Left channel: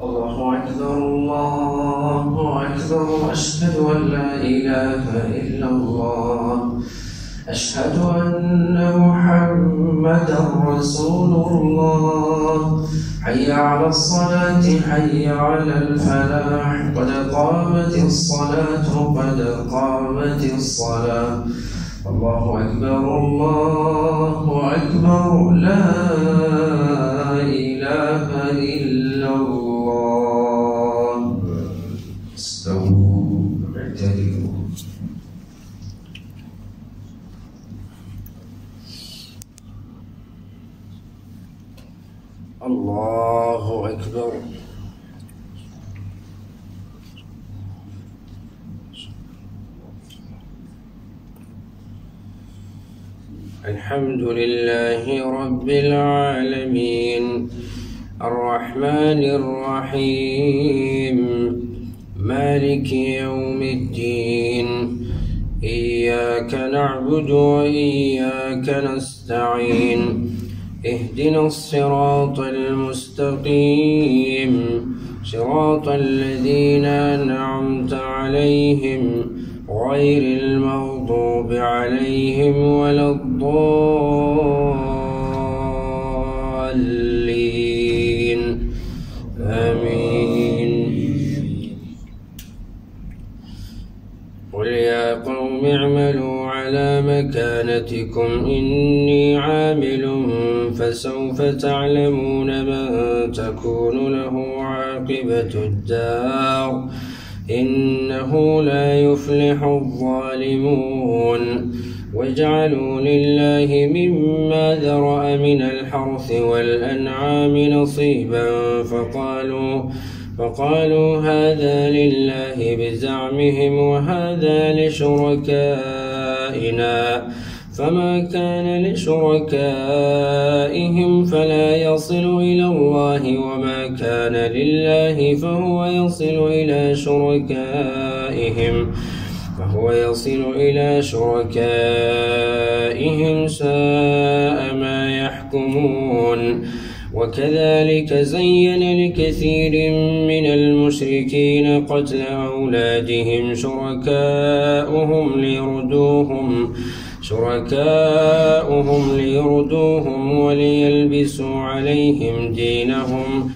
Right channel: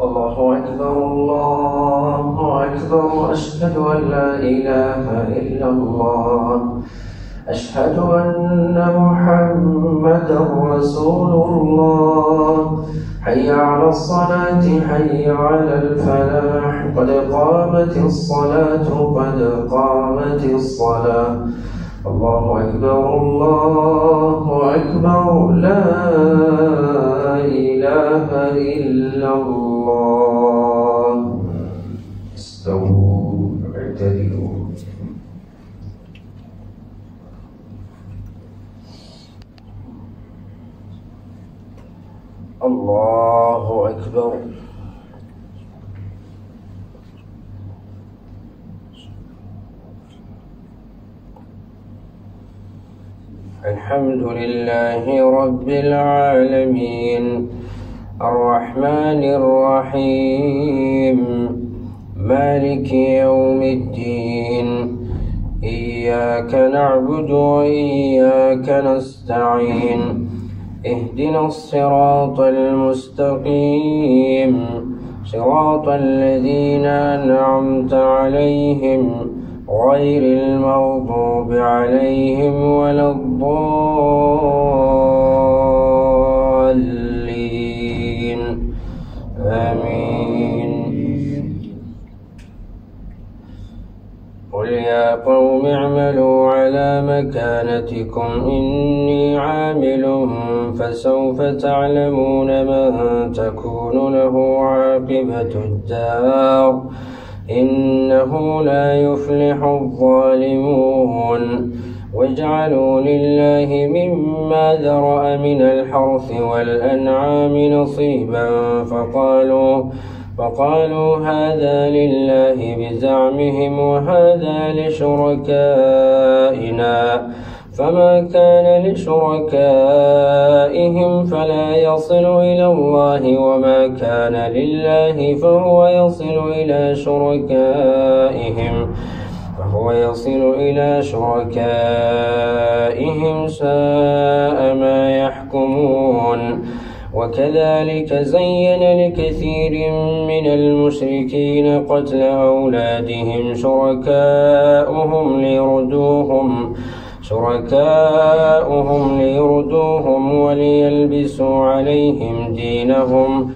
الله أكبر الله أكبر، أشهد أن لا إله إلا الله، أشهد أن محمدا رسول الله. حي على الصلاة حي على الفلاح، قد قامت الصلاة قد قامت الصلاة. الله أكبر الله أكبر، لا إله إلا الله. استووا اعتدلوا. الله أكبر. الحمد لله رب العالمين، الرحمن الرحيم، مالك يوم الدين، إياك نعبد وإياك نستعين، اهدنا الصراط المستقيم، صراط الذين أنعمت عليهم غير المغضوب عليهم ولا الضالين، آمين. قل يا قوم اعملوا على مكانتكم إني عامل فسوف تعلمون من تكون له عاقبة الدار، إنه لا يفلح الظالمون. واجعلوا لله مما ذرأ من الحرث والأنعام نصيبا فقالوا هذا لله بزعمهم وهذا لشركائنا، فما كان لشركائهم فلا يصل إلى الله، وما كان لله فهو يصل إلى شركائهم ساء ما يحكمون. وكذلك زين لكثير من المشركين قتل أولادهم شركاؤهم ليردوهم وليلبسوا عليهم دينهم.